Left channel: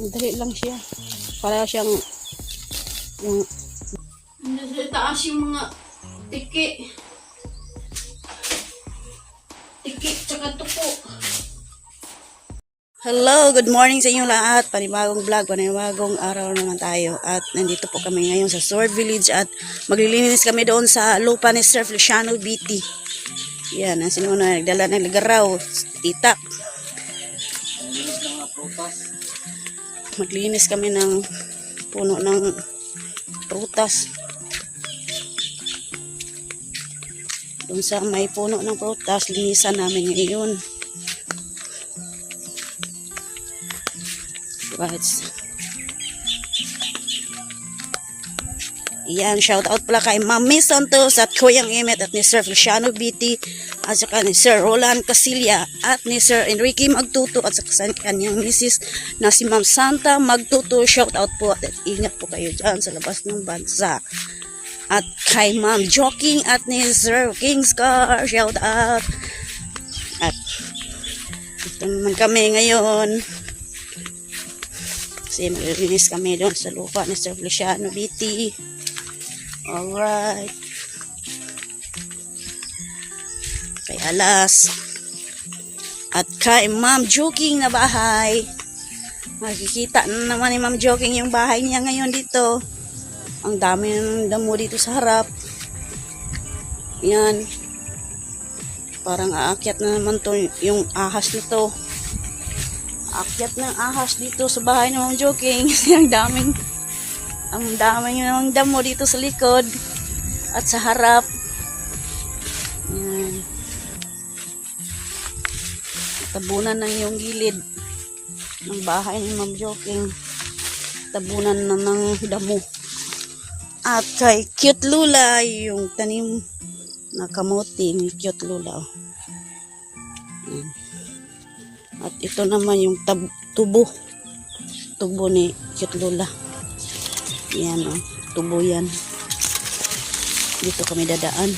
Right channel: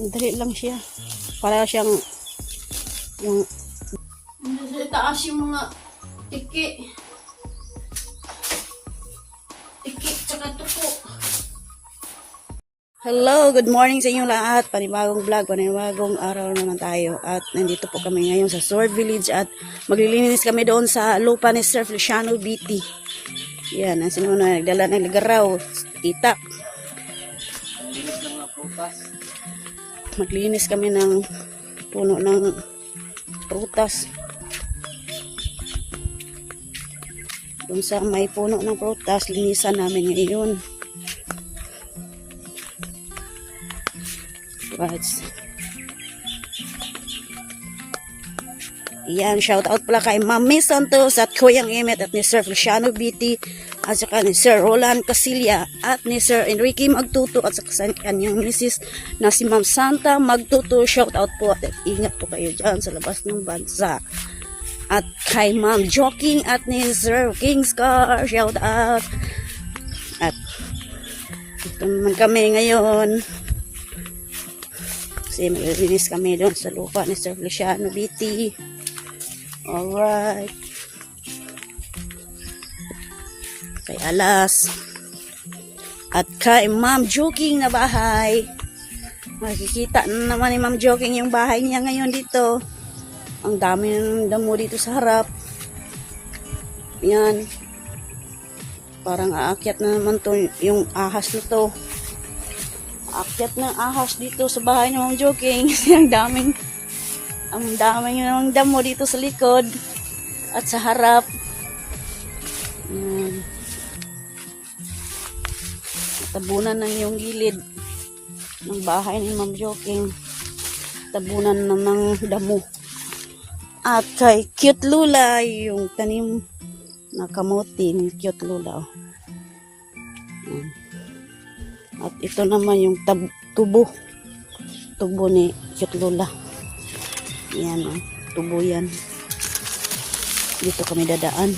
Madali lang siya. Para siyang yung taas yung mga tiki. Tiki tsaka tupo. Hello, good morning sa inyong lahat. Panibagong vlog, panibagong araw naman tayo. At nandito po kami ngayon sa Sword Village at maglilinis kami doon sa lupa ni Sir Feliciano BT. Yan, ang sinuna nagdala ng ligaraw, tita. Maglinis kami ng puno ng prutas. Doon sa may puno ng prutas, linisan namin ngayon. Yan, shout out pala kay Mami Santos at Koyang Emet at ni Sir Feliciano BT at saka ni Sir Roland Casilla at ni Sir Enrique Magtuto at saka sa kanyang misis na si Ma'am Santa Magtuto. Shout out po at ingat po kayo dyan sa labas ng bansa. At kay Ma'am Joking at ni Sir Kingscar, shout out. At ito naman kami ngayon kasi maglilinis kami doon sa lupa ni Sir Feliciano BT. Alright. Kay Alas. At kay Ma'am Joking na bahay. Makikita na naman ni Ma'am Joking yung bahay niya ngayon dito. Ang dami ng damo dito sa harap. Yan. Parang aakyat na naman to yung ahas nito. Aakyat ng ahas dito sa bahay ni Ma'am Joking. Kasi ang daming yung damo dito sa likod at sa harap. Yan. Tabunan na yung gilid ng bahay ni Ma'am Joking. Tabunan na ng damo. At kay Cute Lula, yung tanim na kamote ni Cute Lula. Yan. At ito naman yung tubo ni Cute Lula. Yan o, tubo yan. Dito kami dadaan.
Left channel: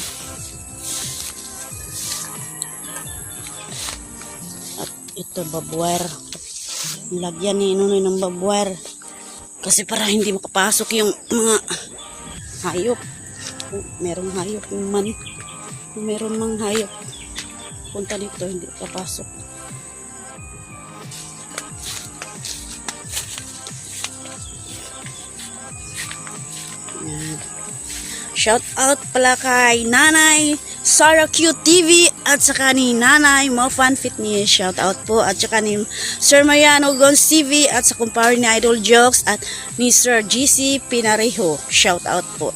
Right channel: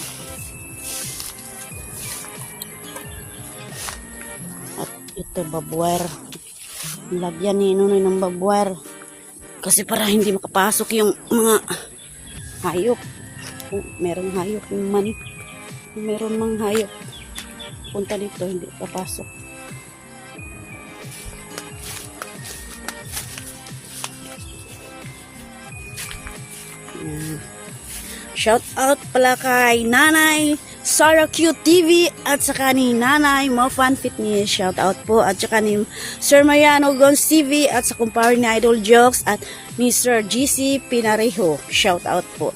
At ito babwer. Lagyan ni Nunoy ng babwer. Kasi para hindi makapasok yung mga hayop. Merong hayop naman. Meron mang hayop. Punta dito, hindi kapasok. Shout out pala kay Nanay Sarah Q TV at saka ni Nanay Mofan Fitness. Shout out po at saka ni Sir Mariano Gons TV at sa kumpare ni Idol Jokes at ni Sir GC Pinarejo. Shout out po.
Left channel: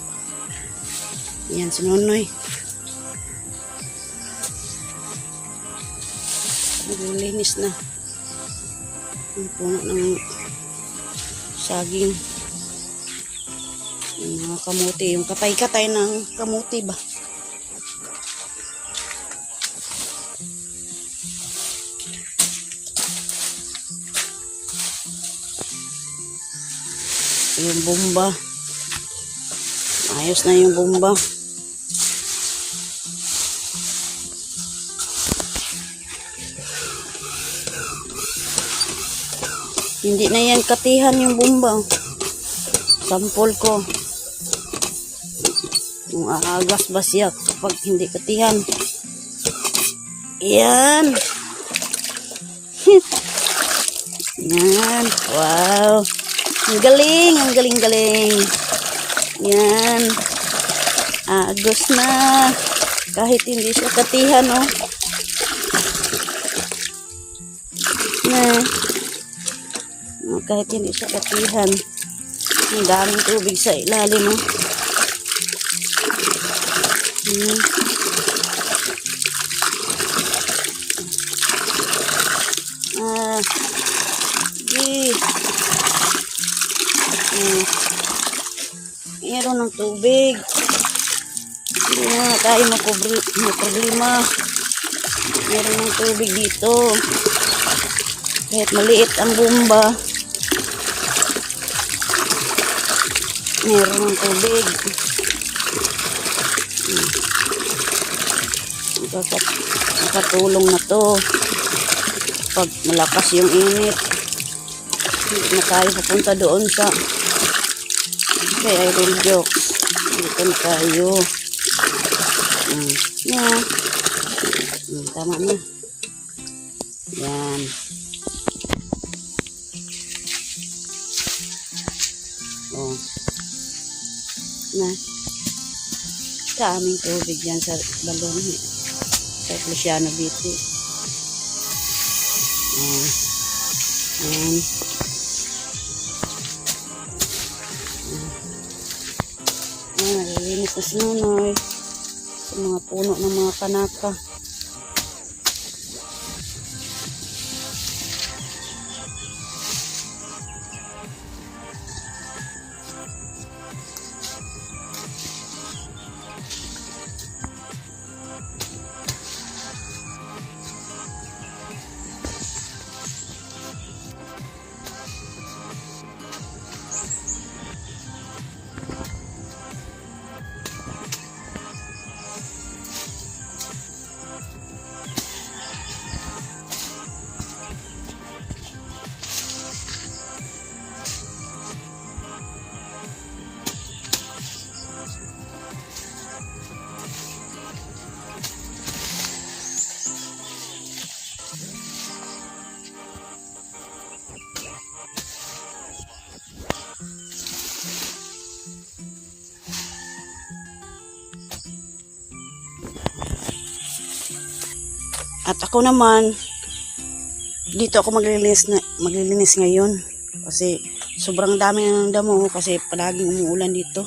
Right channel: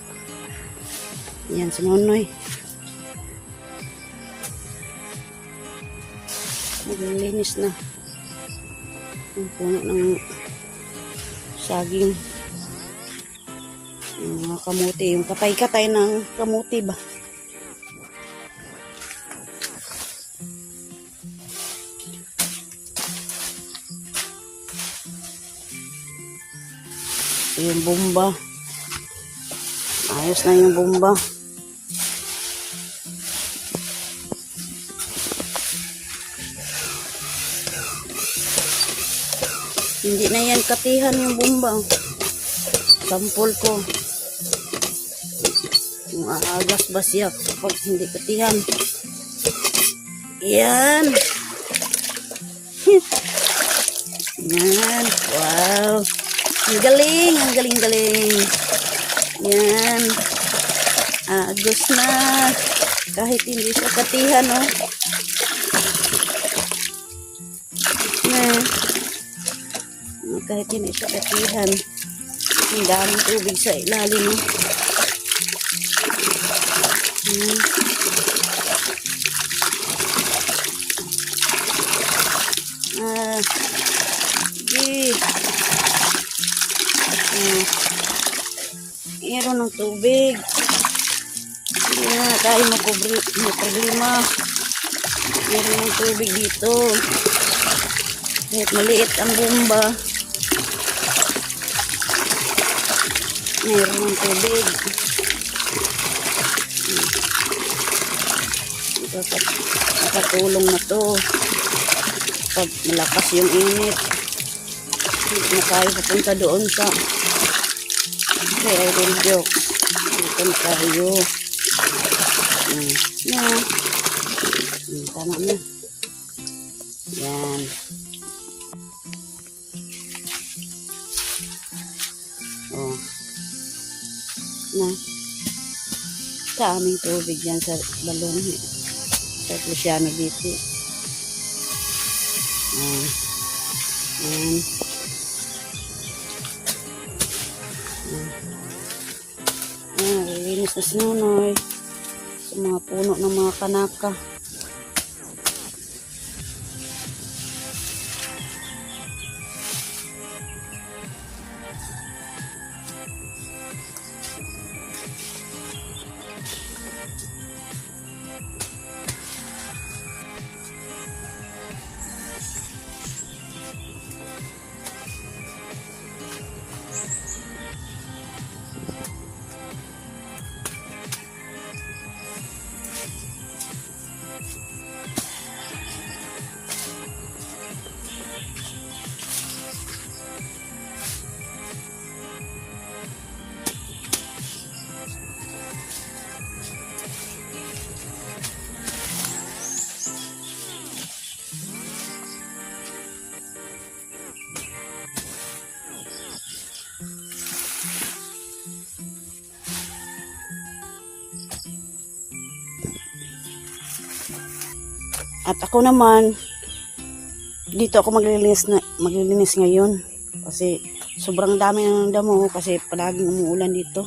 Yan si Nonoy. Naglilinis na. Ang puno ng saging. Yung mga kamuti, yung katay-katay ng kamuti ba? Yung bomba. Ayos na yung bomba. Hindi na yan katihan yung bomba. Sampol ko. Kung aagas ba siya pag hindi katihan. Yan. Yan. Wow. Ang galing. Ang galing-galing. Yan. Agos na. Kahit hindi siya katihan, oh. Yan. Kahit hindi siya katihan. Ang daming tubig sa ilalim, oh. Meron ng tubig. Hindi na tayo may problema. Meron ng tubig dito. Kahit maliit ang bomba, meron ng tubig. Nakatulong na to pag malakas yung init. Hindi tayo papunta doon sa Fairy Jokes. Dito na tayo. Yan. Tama na. Yan. Oh. Na. Kaming tubig yan sa balon. Sa Luciano Beach. Yan. Linis na sinunoy sa mga puno ng mga kanaka. At ako naman, dito ako maglilinis ngayon. Kasi sobrang dami na ng damo kasi palaging umuulan dito.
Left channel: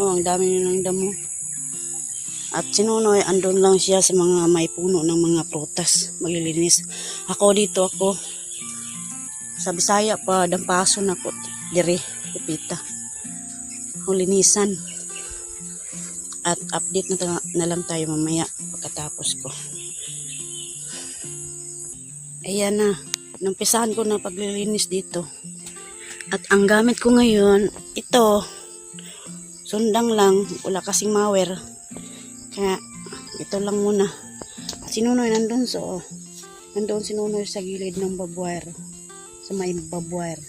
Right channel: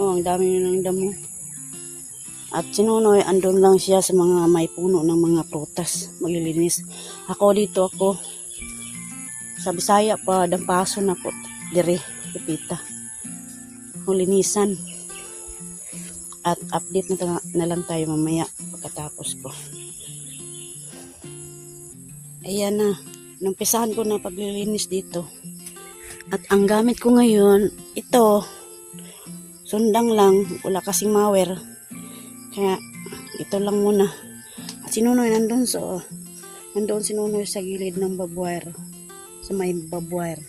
Oh, ang dami na ng damo. At si Nonoy, andun lang siya sa mga may puno ng mga prutas. Maglilinis. Ako dito ako. Sa Bisaya pa, dampaso na ko. Diri, pipita. Linisan. At update na lang tayo mamaya pagkatapos ko. Ayan na, numpisahan ko na paglilinis dito. At ang gamit ko ngayon, ito, sundang lang, wala kasing mower. Kaya, ito lang muna. At si Nonoy nandun, nandun si Nonoy sa gilid ng babwire. Sa may babwire.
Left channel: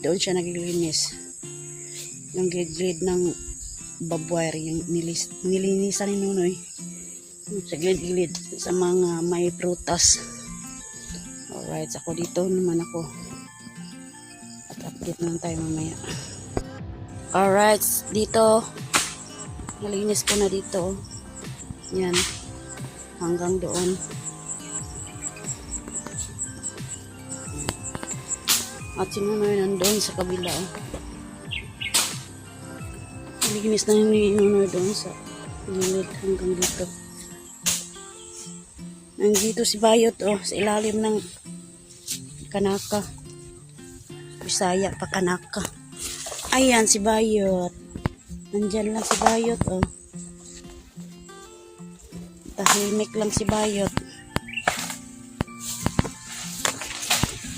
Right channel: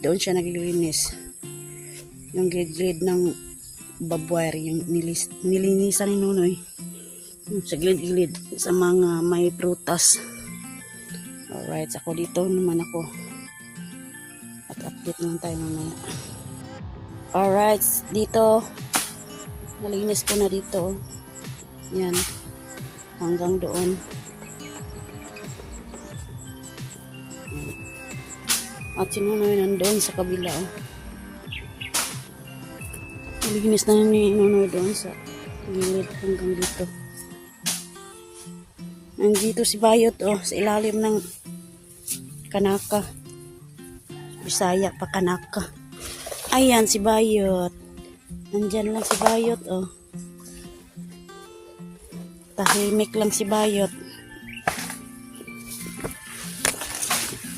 Doon siya naglilinis. Yung gilid ng babwire, yung nilinisan ni Nonoy. Sa gilid sa mga may prutas. Alright, ako dito naman ako. At update naman tayo mamaya. Alright, dito. Nalinis ko na dito. Yan. Hanggang doon. At si Nonoy nandun sa kabila. Nalinis na ni Nonoy doon sa hanggang dito. Nandito si Bayot sa ilalim ng kanaka. Bisaya pa kanaka. Ayan si Bayot. Nandyan lang si Bayot tahimik lang si Bayot.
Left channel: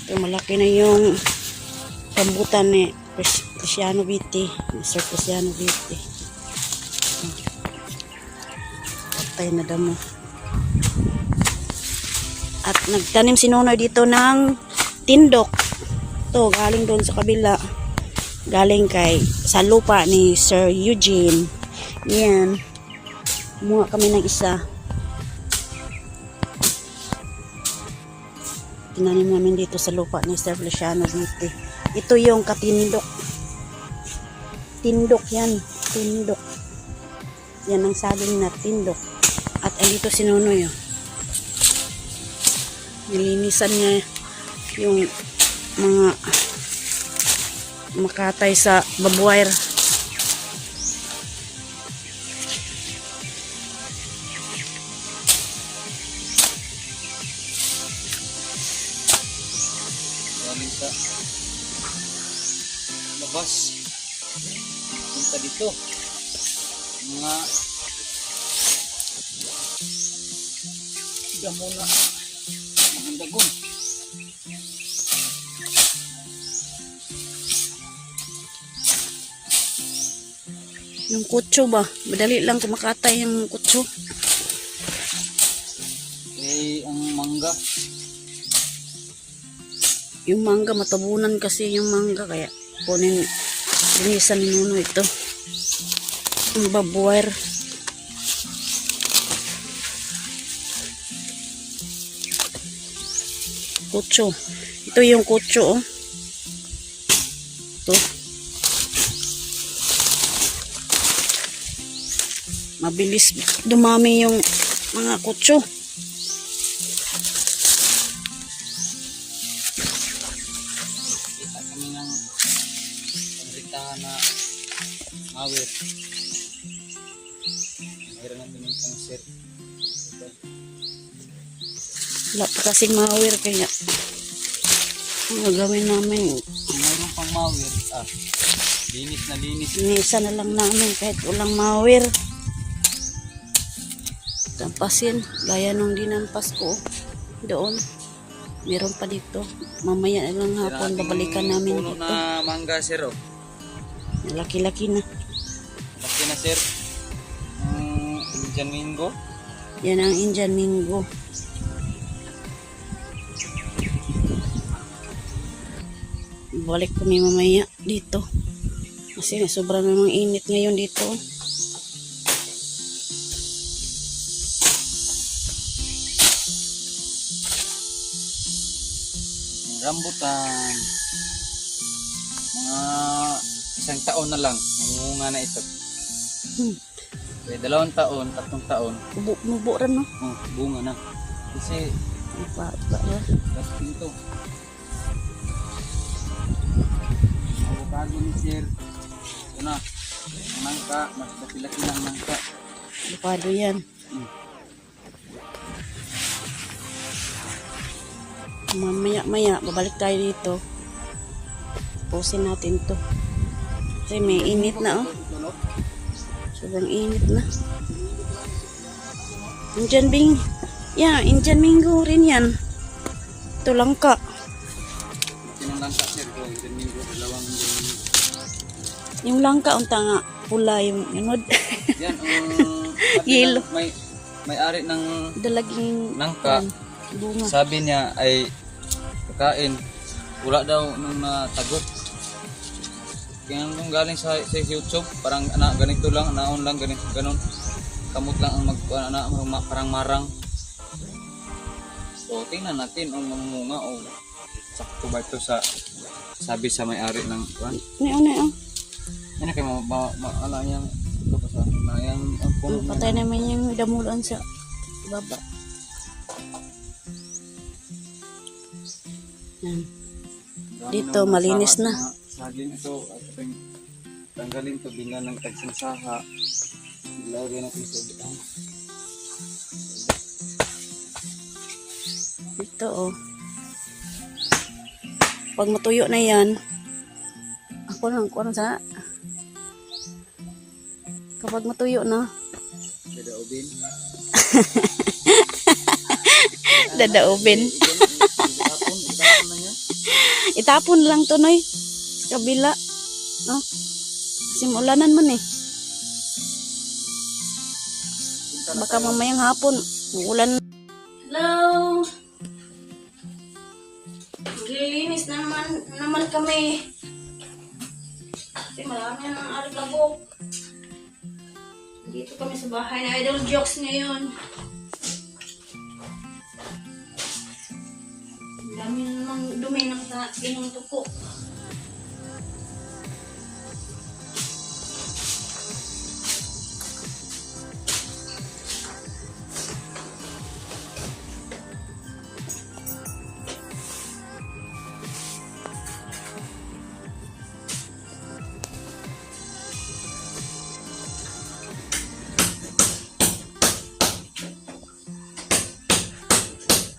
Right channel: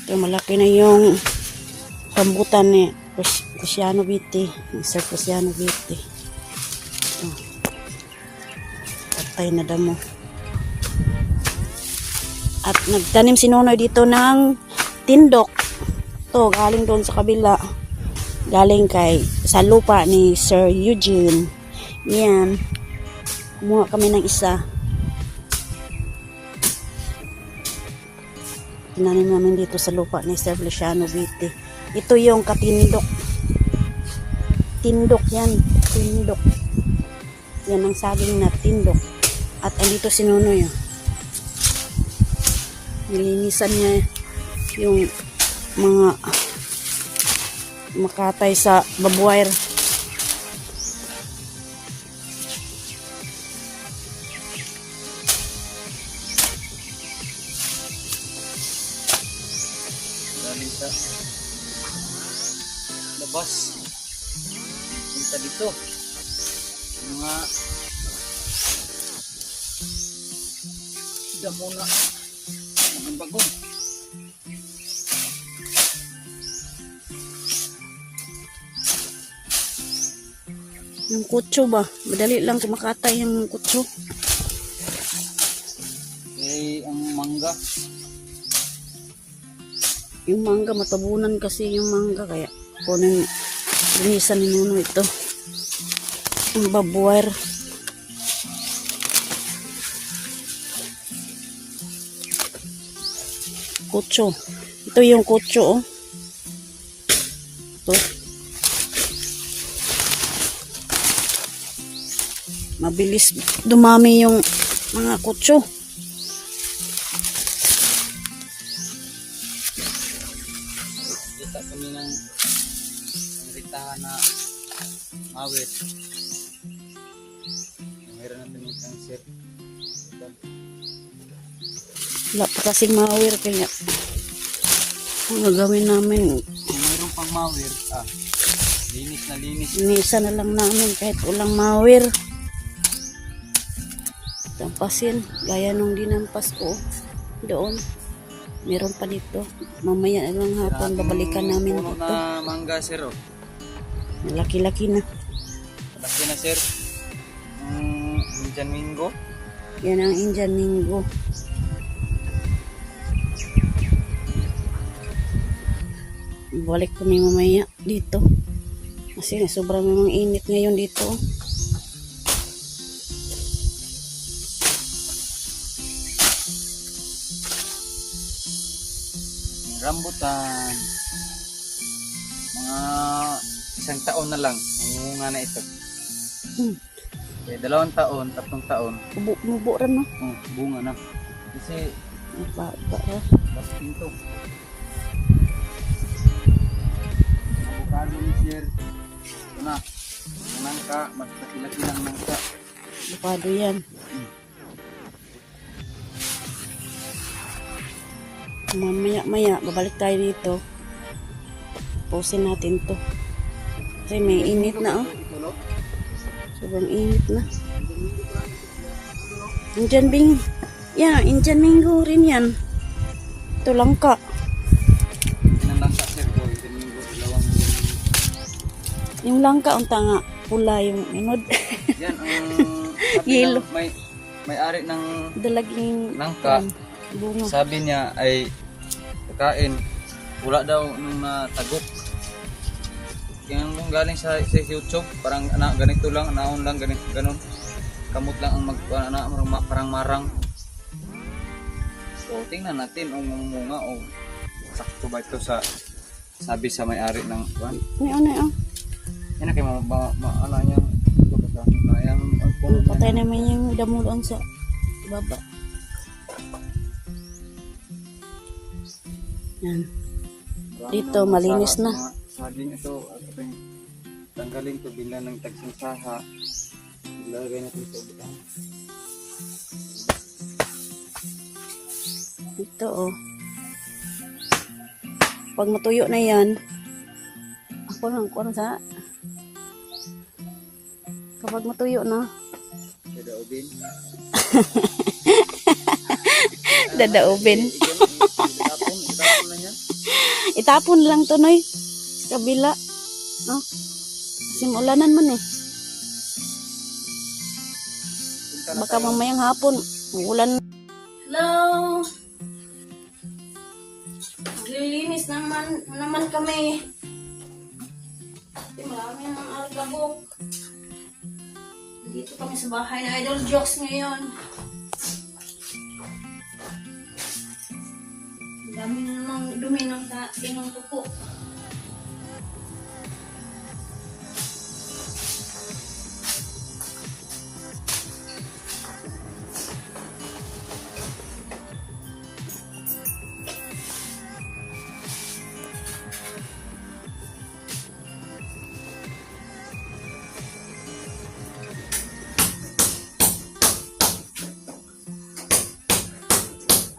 Ito malaki na yung rambutan ni Luciano Beach. Mr. Luciano Beach. Patay na damo. At nagtanim si Nonoy dito ng tindok. To galing doon sa kabila. Galing sa lupa ni Sir Eugene. Yan. Kumuha kami ng isa. Tinanim namin dito sa lupa ni Sir Luciano Beach. Ito yung katindok. Tindok yan. Tindok. Yan ang saging na tindok. At ay dito si Nonoy. Nilinisan niya yung mga makatay sa babwire. Labas. Punta dito. Mga damo na. Yung kutso ba? Madali lang kumakatay yung kutso. Ang mangga. Yung mangga, matabunan kasi yung mangga. Kaya kunin, linisan muna ito. Ang babuwer. Kutso. Ito yung kutso, oh. Ito. Mabilis dumami yung mga kutso. Kita kami ng bitahan na mawis. Meron namin yung pansit. Wala pa kasing mawir kaya ang gagawin namin, Kung mayroon pang mawis, linis na linis. linisan na lang namin kahit walang mawir. Tampasin, gaya nung dinampas ko doon. Meron pa dito. Mamaya na lang hapon, babalikan namin Puno dito. na mangga, sir. Oh. Laki-laki na. Laki na, sir. Indian mango. Yan ang Indian mango. Balik kami mamaya dito. Kasi sobrang namang init ngayon dito. Rambutan. Mga isang taon na lang. Munga na ito. Hmm. May 2 taon, 3 taon. Mubo rin, no? Oh, bunga na. Kasi, Apa. tapos dito. Avocado ni sir. Ito na. Nangka. Mas nakilaki lang nangka. Pado yan. Mamaya, babalik tayo dito. Pausin natin to. Kasi may init na, oh. Sobrang init na. Indian Bing. Yeah, Indian mango rin yan. Ito langka. Yan ang langka sir. Indian mango. Dalawang. Yung langka, ang tanga. Pula yung inod. Yan ang Yelo. may ari ng Dalaging nangka. bunga. Sabi niya ay kain. Wala daw nung natagok. Kaya nung galing sa YouTube, parang ganito lang, naon lang, ganito, ganun. Kamot lang ang parang marang. So, tingnan natin ang mga o sakto ba ito sa sabi sa may-ari ng van. Ano. Yan na kayo maala niya. Sayang ang puno. Patay naman yung damulan sa baba. Yan. Dito, malinis na. Saging ito, tanggalin ito, bila ng tagsinsaha. Ilagay natin sa butang. Ito, oh. Pag matuyo na yan, ako lang sa kapag matuyo na, Dadaubin. dadaubin. Itapon na niya. Itapon lang to, Noy. Sa kabila. No? Kasi maulanan man eh. Baka mamayang hapon, ulan. Hello! Maglilinis naman kami. Kasi marami ng alabok. Dito kami sa bahay na Idol Jokes ngayon. Dami namang dumi ng inong tuko.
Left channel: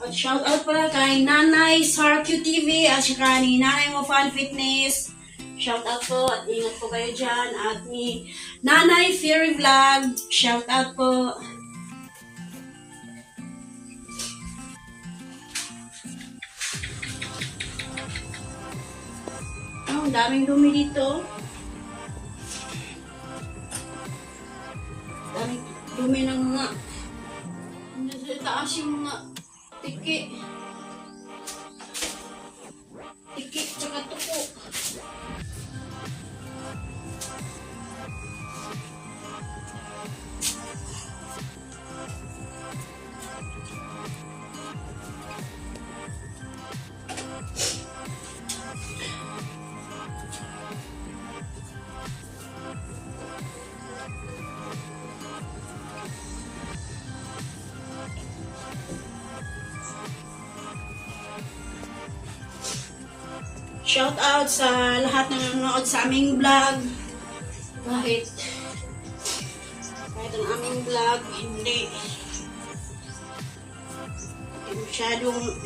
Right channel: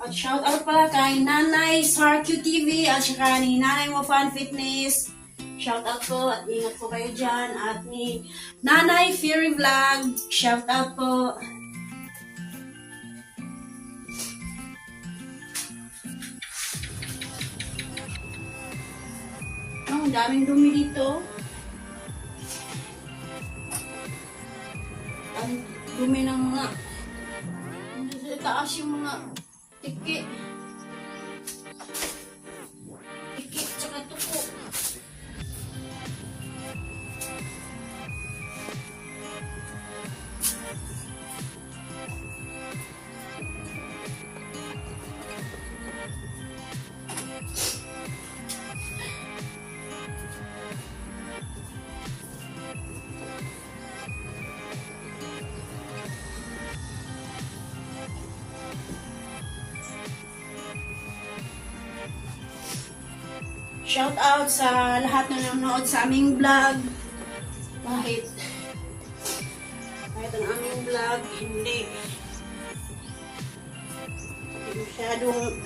At shout out pala kay Nanay Sarq TV at saka ni Nanay Mo Fun Fitness. Shout out po at ingat po kayo dyan. At ni Nanay Fury Vlog. Shout out po. Oh, ang daming dumi dito. Daming dumi ng mga taas yung mga tiki. Shout out sa lahat na nanonood sa aming vlog. Kahit ang aming vlog hindi masyadong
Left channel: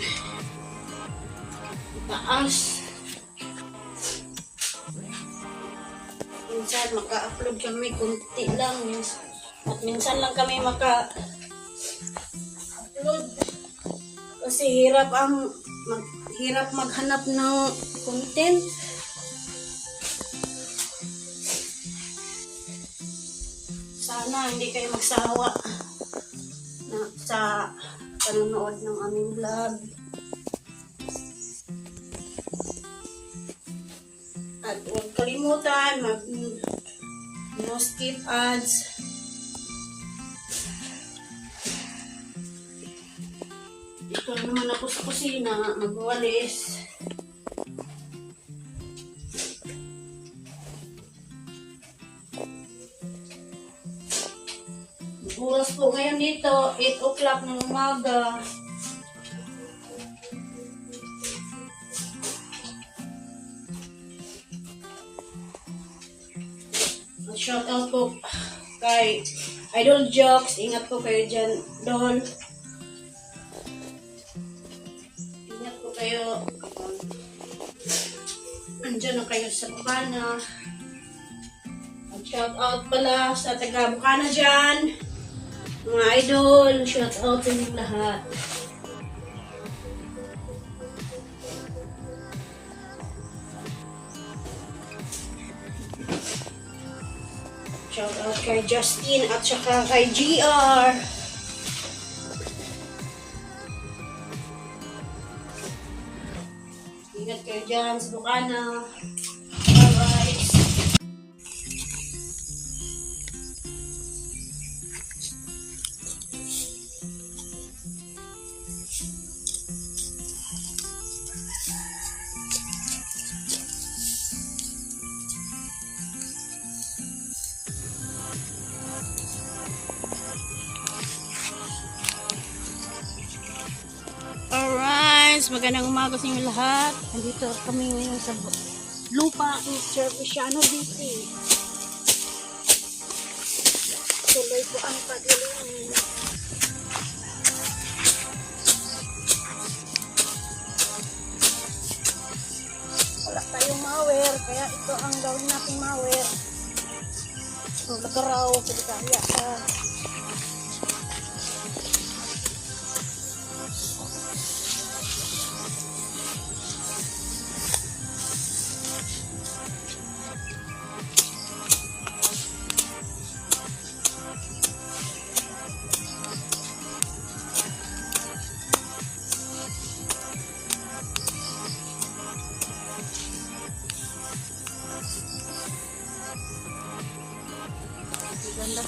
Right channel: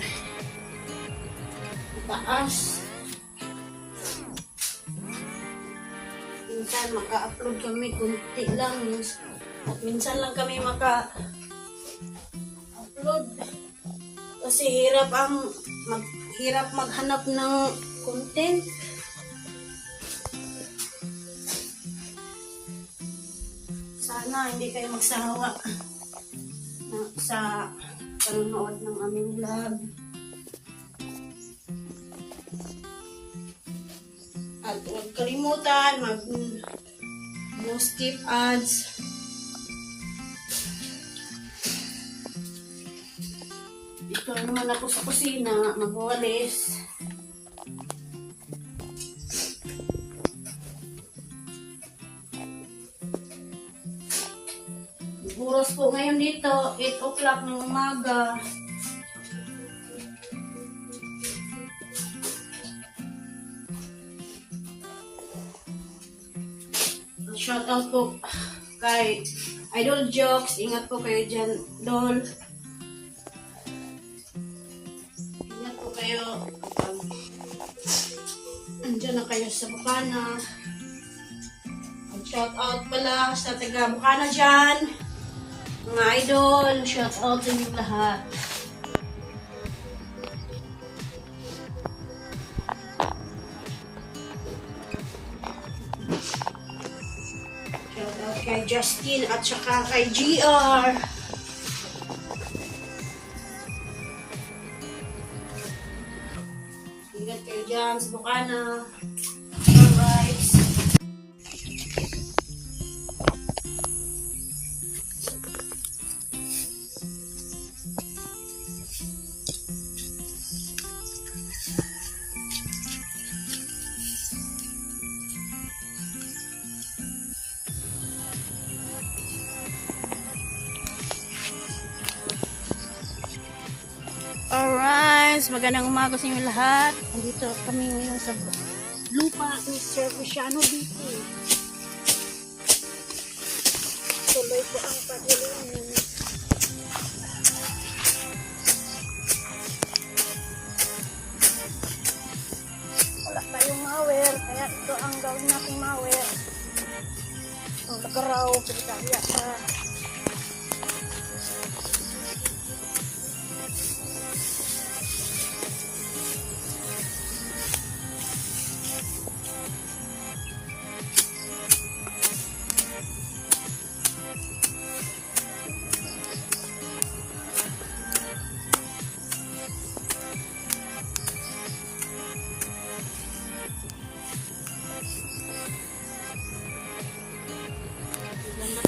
taas. Minsan maka-upload kami kunti lang. At minsan lang kami maka-upload. Kasi hirap maghanap ng content. Sana hindi kayo magsawa sa panonood ng aming vlog. At huwag kalimutan no skip ads. Dito naman ako sa kusina magwalis. Oras po ngayon dito, 8 o'clock ng umaga. Shout out po kay Idol Jokes. Ingat po kayo dyan, Dol. Ingat po kayo. Andyan na kayo sa Bukana. Shout out pala sa taga Bukana dyan. Mga idol, shout out sa inyong lahat. Shout out kay Justin at saka kay GR. Ingat kayo dyan sa Bukana. Bye-bye. Alright, magandang umaga sa inyo lahat. Nandito kami ngayon sa lupa ni Sir Cristiano dito. Tuloy po ang pag-ulan. Wala tayong mawer, kaya ito ang gawin natin mawer. Tulog raw sa kanya.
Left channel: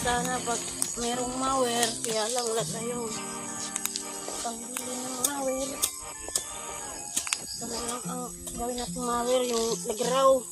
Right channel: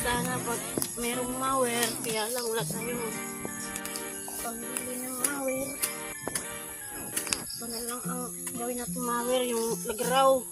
Sana pag merong mawer, kaya lang wala tayo. Pag merong mawer, talagang ang gawin natin mawer yung lagraw.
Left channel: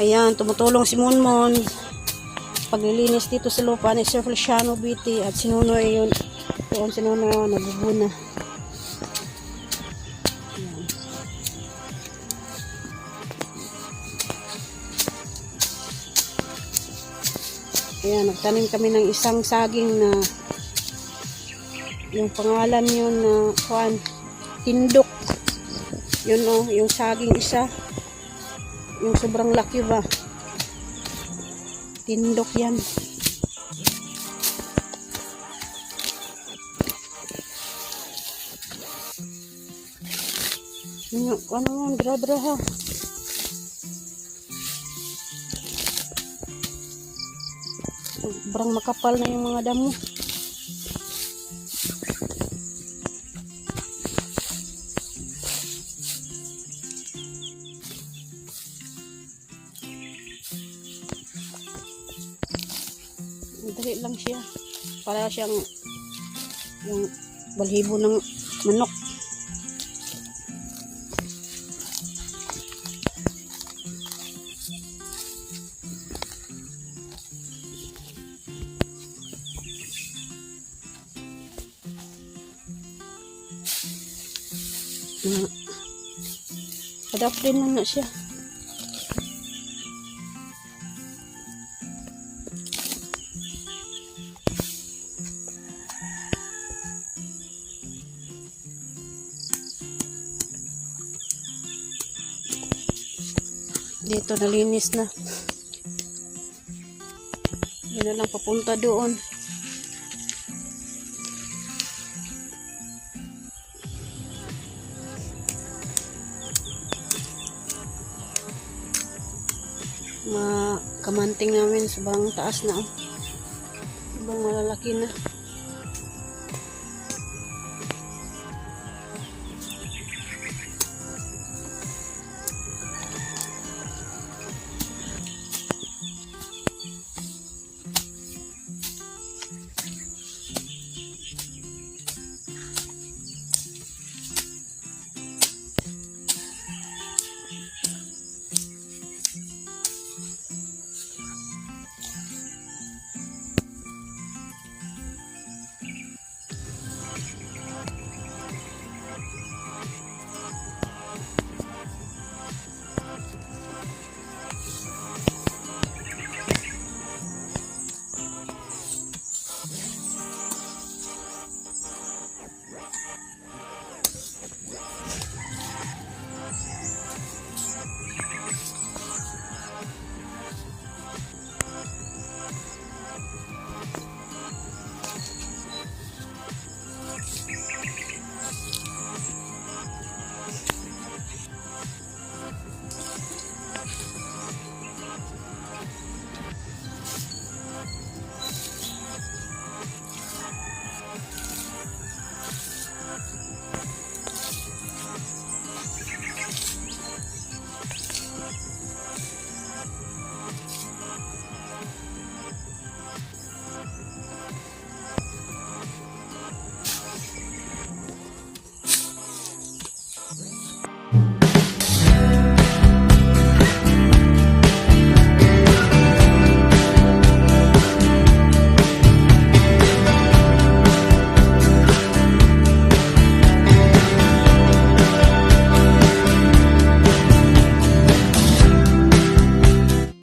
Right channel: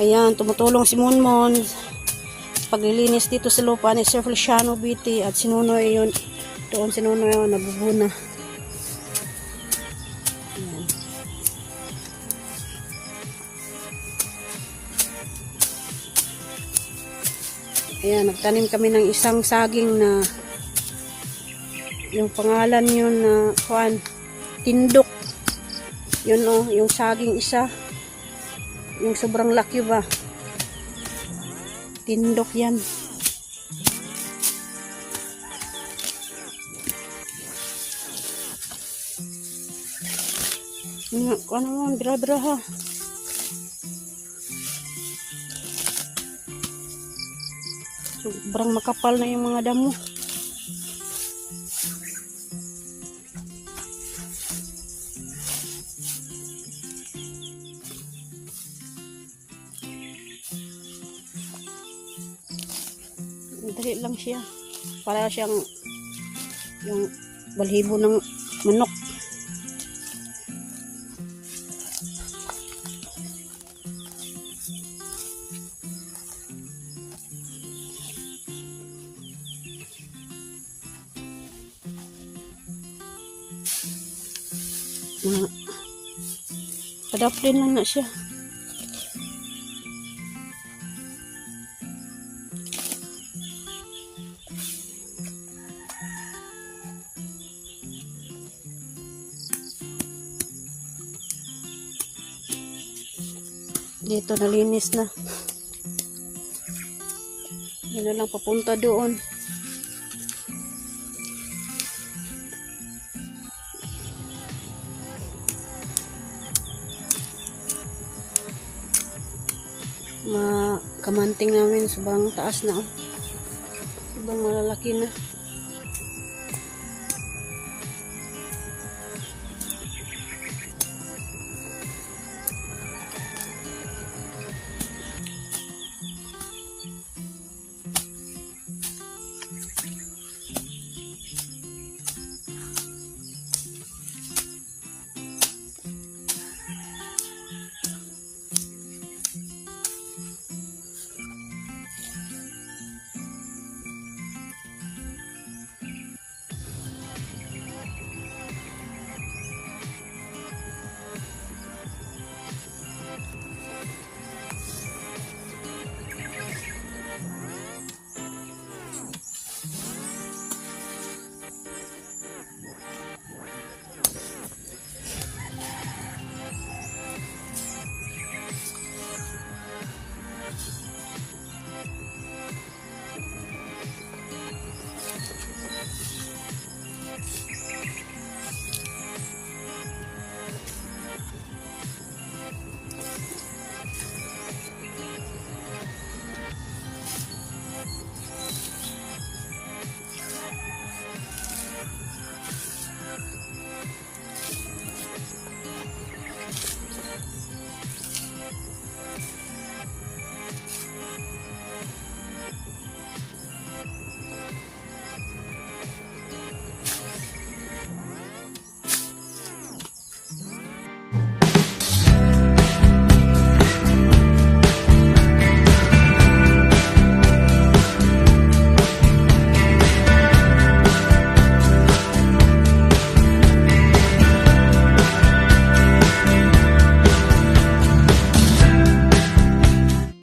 Ayan, tumutulong si Monmon paglilinis dito sa lupa ni Sir Feliciano Biti at sinunoy yun. Doon sinunoy yun, nagbubuna. Ayan, nagtanim kami ng isang saging na yung pangalan yun na tindok. Yun o, yung saging isa. Yung sobrang laki ba. Tindok yan. Nga, ano mo, dra-dra ha. Sobrang makapal na yung mga damo. Dali lang siya. Para siyang yung balhibo ng manok. Padaplin lang na siya. Dito nalinis na. Yan na lang papunta doon. Kamanting namin sobrang taas na. Ibang malalaki na.